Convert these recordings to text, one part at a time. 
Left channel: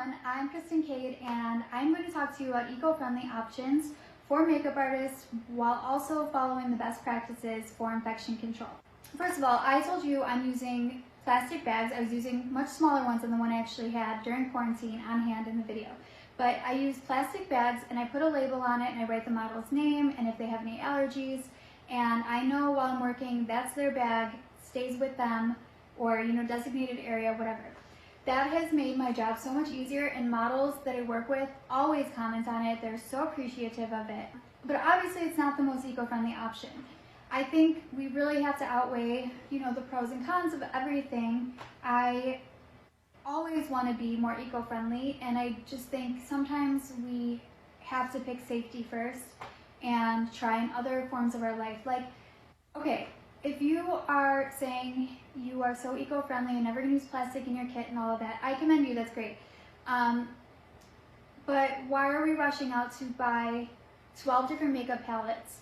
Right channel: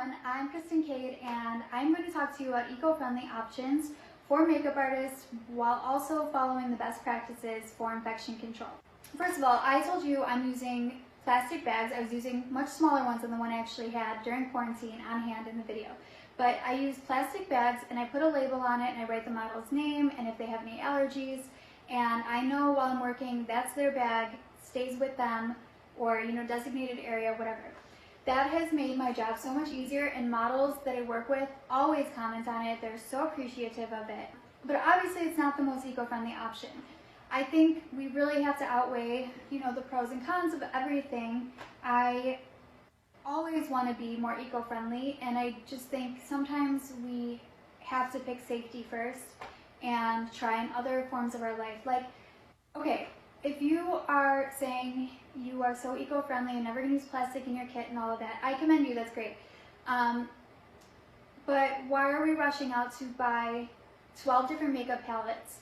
everyone, I'm Kristen Cade and I'm going to talk to you about eco-friendly options for makeup artists while also following the best practices for infection control. First of all, I told you I'm using plastic bags. I was using much smaller ones than the one I actually had during quarantine on hand in the video. But I use plastic bags and I put a label on it and I write the model's name and if they have any allergies. And I know while I'm working, that's their bag, stays with them, or designated area, whatever. That has made my job so much easier, and models that I work with always comment on it. They're so appreciative of it. But obviously it's not the most eco-friendly option. I think we really have to outweigh, the pros and cons of everything. I always want to be more eco-friendly, and I just think sometimes we have to pick safety first and try in other forms of our life. Like, okay, if you are saying you are so eco-friendly and never gonna use plastic in your kit and all of that, I commend you, that's great. But why are we rushing out to buy 12 different makeup palettes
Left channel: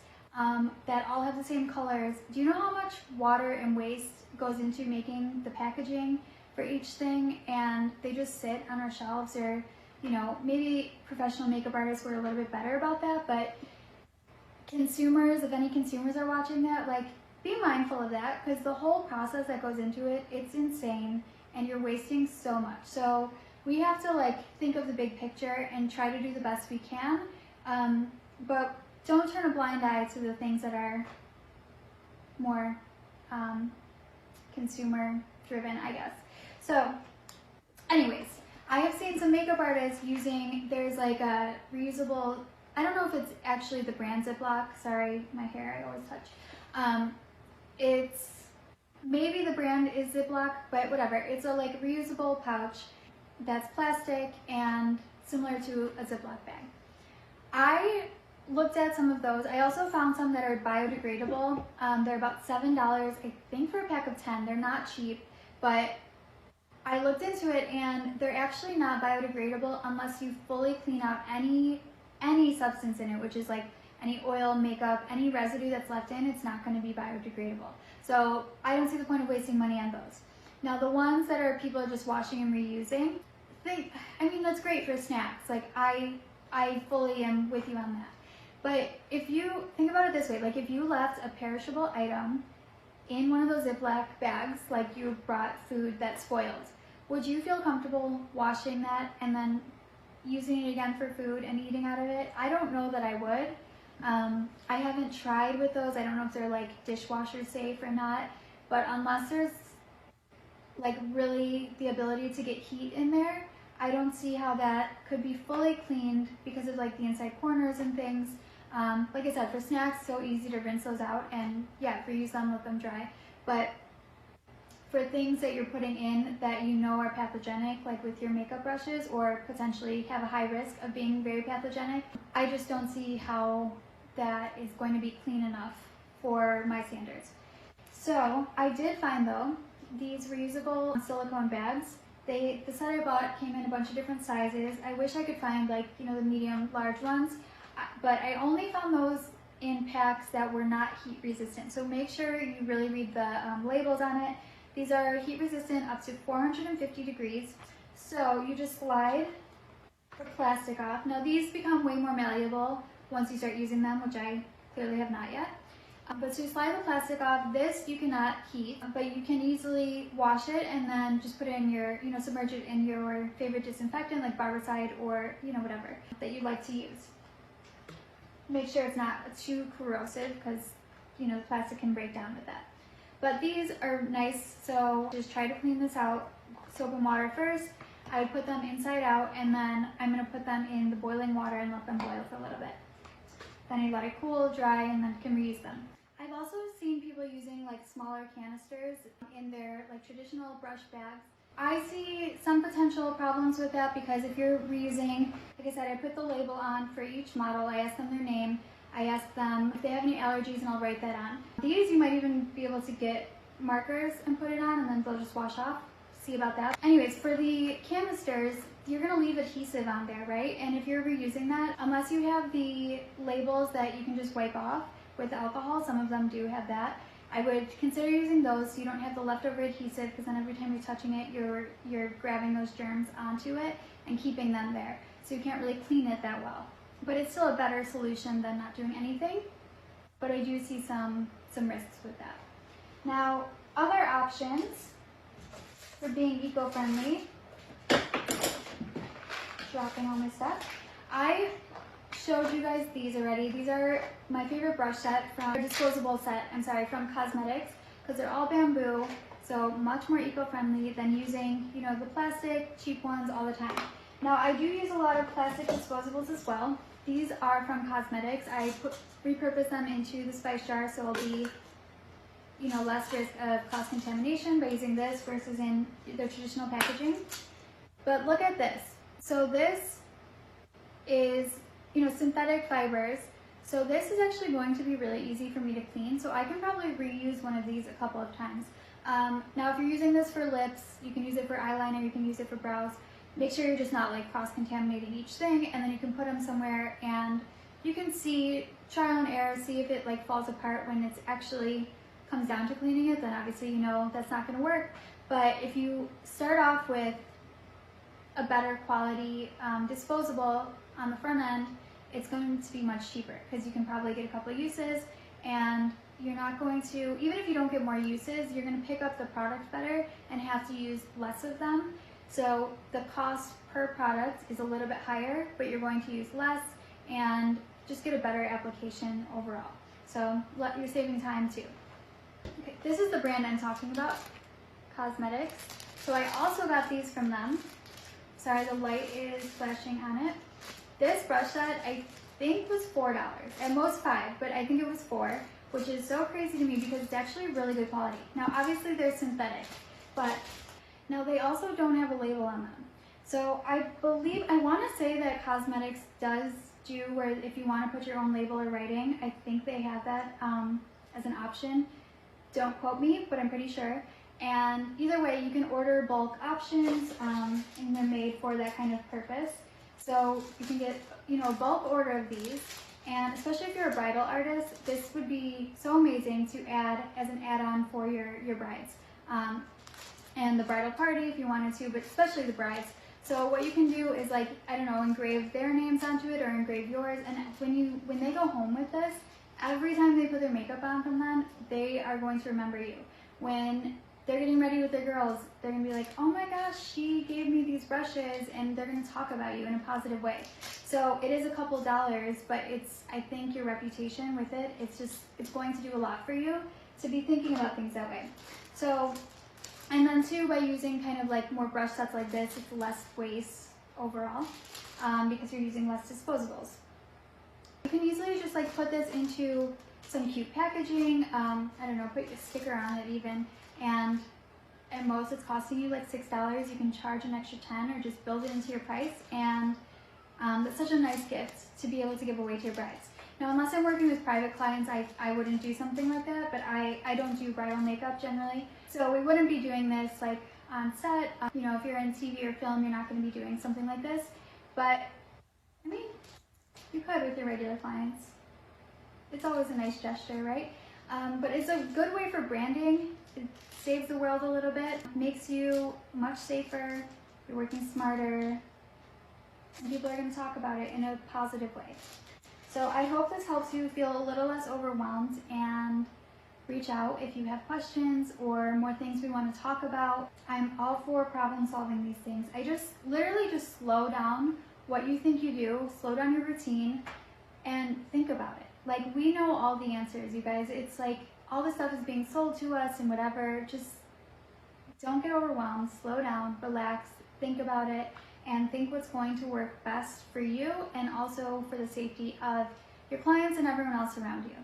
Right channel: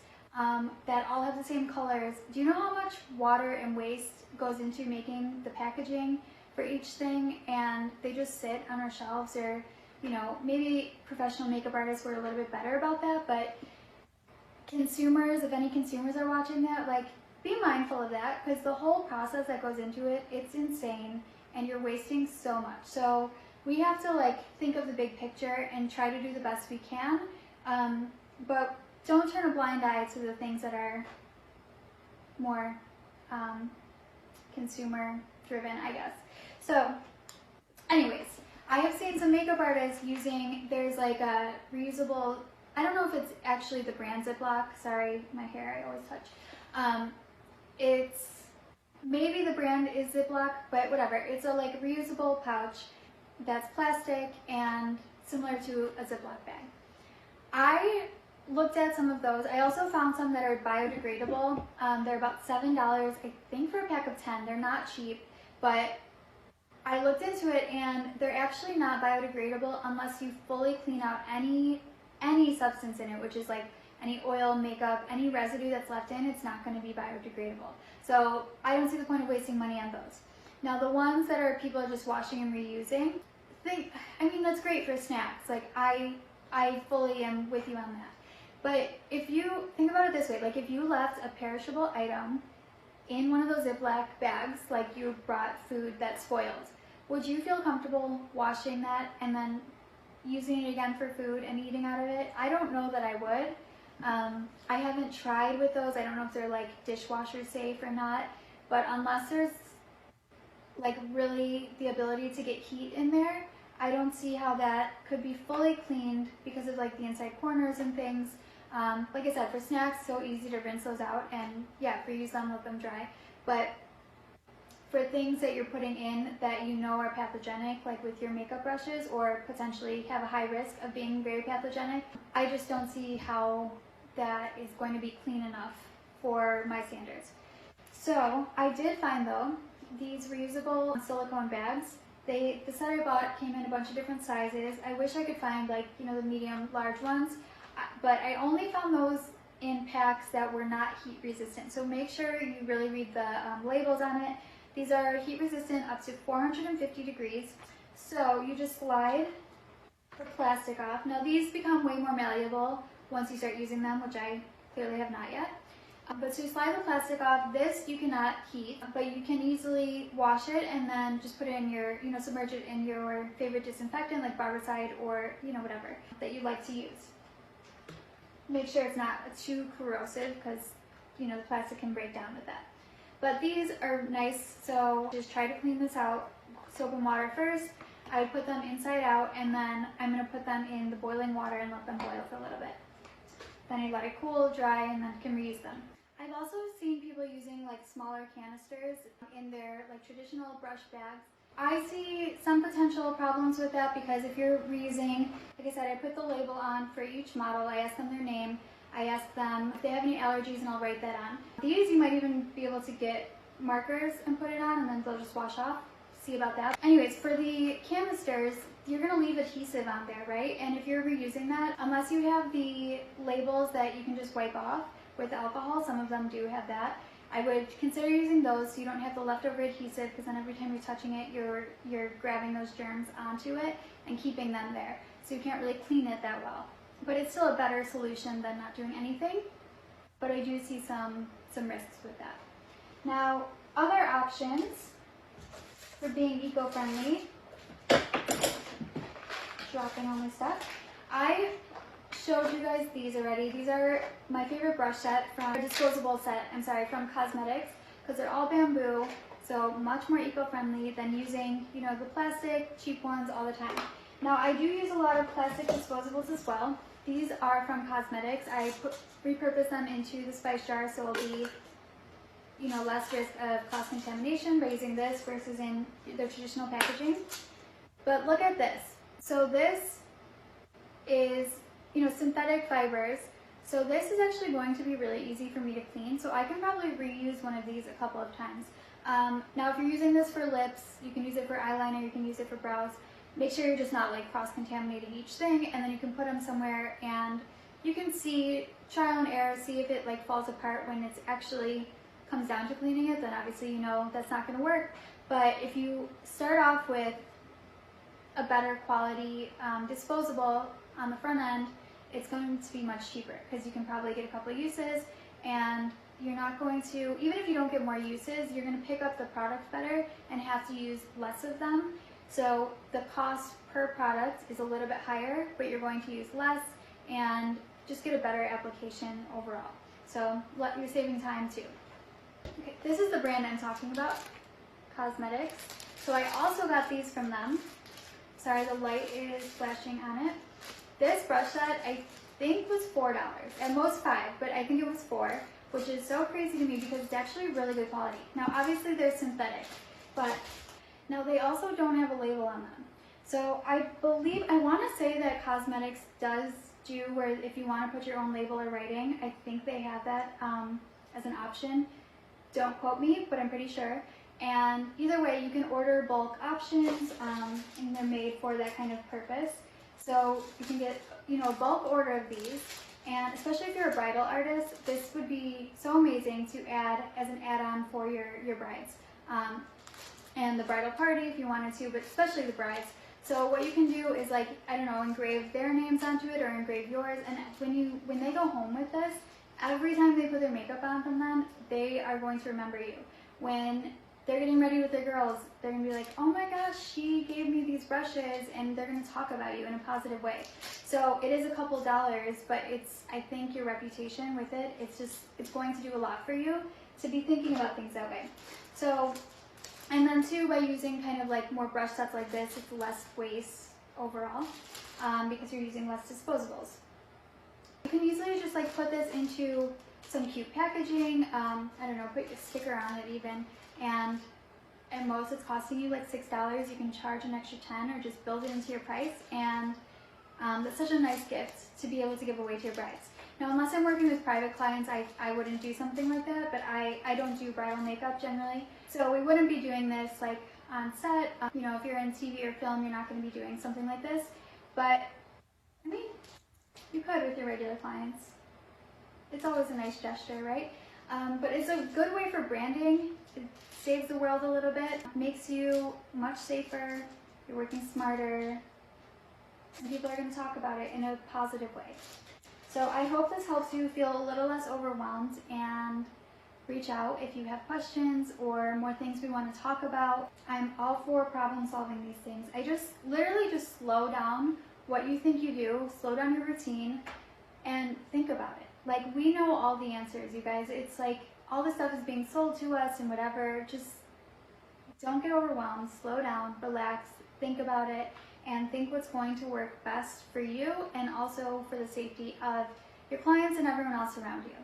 that all have the same colors? Do you know how much water and waste goes into making the packaging for each thing? And they just sit on our shelves, or maybe professional makeup artists were a little bit better about that, but consumers, if any consumers are watching that, like, be mindful of that, because the whole process that goes into it, it's insane and you're wasting so much. So we have to think of the big picture and try to do the best we can, but don't turn a blind eye to the things that are more consumer driven, I guess. So anyways, I have seen some makeup artists using, there's like a reusable, I don't know if it's actually the brand Ziploc, sorry, my hair, I always touch. It's, maybe the brand is Ziploc, but whatever. It's a reusable pouch that's plastic and similar to a Ziploc bag. I looked at some of those. I also found some that are biodegradable. They're about $7, I think, for a pack of 10. They're not cheap, but I looked into it and they're actually not biodegradable unless you fully clean out any substance in it, which is like any oil, makeup, any residue that's left in, it's not going to be biodegradable. So I don't see the point of wasting money on those. Now the ones that people are just washing and reusing, that's great for snacks. Like I fully am with you on that. But if you think about it this way, if you left a perishable item in one of those Ziploc bags, like you brought food that spoiled, would you feel comfortable washing that and then using it again for food and eating out of it? I don't know that I would. I haven't tried with those. I don't know if they're dishwasher safe or not, but unless there's really the ability to get heat in there, I don't see how that could be fully cleaned because of the inside corners and things. Like I said, for snacks, so easy to rinse those out and reuse them, let them dry. But for things that you're putting in that are pathogenic, like with your makeup brushes, or potentially have a high risk of being very pathogenic, I just don't see how that is going to be clean enough for my standards. So I did find, though, these reusable silicone bags. The set I bought came in a bunch of different sizes. I wish I could find the medium, large ones, but I only found those in packs that were not heat resistant. So make sure you really read the labels on it. These are heat resistant up to 450 degrees. So you just slide the plastic off. Now these become way more malleable once you start using them, which I clearly have not yet. But so you slide the plastic off. This you cannot heat, but you can easily wash it and then just put it in your, submerge it in your favorite disinfectant like Barbicide or, whatever that you like to use. Make sure it's not too corrosive because, the plastic can break down with that. But these are nice, so just try to clean this out. Soap and water first. I would put them inside out, and then I'm going to put them in the boiling water and let them boil for a little bit. Then I let it cool, dry, and then can reuse them. I've also seen people using smaller canisters in their traditional brush bags. I see some potential problems with that because if you're reusing, like I said, I put the label on for each model. I ask them their name. I ask them if they have any allergies, and I'll write that on. These you might even be able to get markers and put it on, and then they'll just wash off. See about that. Anyways, for the canisters, you're gonna leave adhesive on there, right? And if you're reusing that, unless you have the labels that you can just wipe off with alcohol, some of them do have that, I would consider using those so you don't have the leftover adhesive, because then every time you're touching it, you're grabbing those germs onto it and keeping them there. So you can't really clean it that well. But it's still a better solution than not doing anything. But I do see some risks with that. Now, other options for being eco-friendly, dropping all my stuff. I showed you guys these already. These are my favorite brush set from Disposable set, from Qoxmedix, because they're all bamboo, so much more eco-friendly than using, you know, the plastic cheap ones all the time. Now, I do use a lot of plastic disposables as well. These are from Qoxmedix. I repurpose them into the spice jar, so it'll be, you know, less risk of cross-contamination by using this versus in the traditional packaging. But look at this. So this is, you know, synthetic fibers. So this is actually going to be really easy for me to clean. So I can probably reuse one of these a couple of times. Now, if you're using this for lips, you can use it for eyeliner, you can use it for brows. Make sure you're just not like cross-contaminating each thing, and then you can put them somewhere and you can see, trial and error, see if it like falls apart when it's actually comes down to cleaning it. Then obviously, you know, that's not going to work. But if you start off with a better quality disposable on the front end, it's going to be much cheaper because you can probably get a couple of uses, and you're not going to, even if you don't get more uses, you're going to pick up the product better and have to use less of them. So the cost per product is a little bit higher, but you're going to use less and just get a better application overall. So you're saving time too. Okay, this is the brand I'm talking about, Qoxmedix. So I also got these from them. Sorry, the light is flashing on it. This brush set I think was $4, at most $5, but I think it was $4, which is so crazy to me because it's actually really good quality. Now obviously they're synthetic, but now they also don't have a label on them. So I want to say that Qoxmedix does do where if you want to put your own label or writing, I think they have that as an option. Don't quote me, but I'm pretty sure. And either way, you can order bulk options, and they're made for that kind of purpose. So you can get, you know, a bulk order of these, and especially if you're a bridal artist, this would be so amazing to add as an add-on for your brides. And the bridal party if you wanted to, but especially the brides. So what you can do is, like, I don't know, engrave their names onto it or engrave yours, and when they go home with this, every time they put their makeup on from them, they are going to remember you. When they're getting ready with their girls, they're gonna be like, oh my gosh, she gave me these brushes, and they're gonna talk about you in a positive way. So it is a couple dollars, but I think your reputation with it, it's going to do a lot for you to be thinking about things that way. So, and then too, by using kind of like more brush sets like this, it's less waste overall, because you're using less disposables. You can easily just like put this into some cute packaging, I don't know, put a sticker on it even, and at most it's costing you like $6. You can charge an extra 10 or just build it into your price, and it's such a nice gift to be able to give away to your brides. Now, unless I'm working with private clients, I wouldn't do something like that, but I don't do bridal makeup generally, so we wouldn't be doing this like on set. You know, if you're in TV or film, you're not going to be doing something like this, but I mean, you could with your regular clients. It's always a nice gesture, right? But it's a good way for branding. It saves the world a little bit, makes you much safer, you're working smarter, and people are going to talk about it in a positive way. So I hope this helps you feel a little less overwhelmed, and reach out if you have questions or more things we want to talk about. I'm all for problem solving these things. I literally just slow down what you think you do, slow down your routine, and think about it. Like, we know all the answers, you guys. It's like all this stuff is being sold to us and whatever. Just don't get overwhelmed, slow down, relax, think about it, and think what's going to work best for you and also for the safety of your clients and everyone else around you.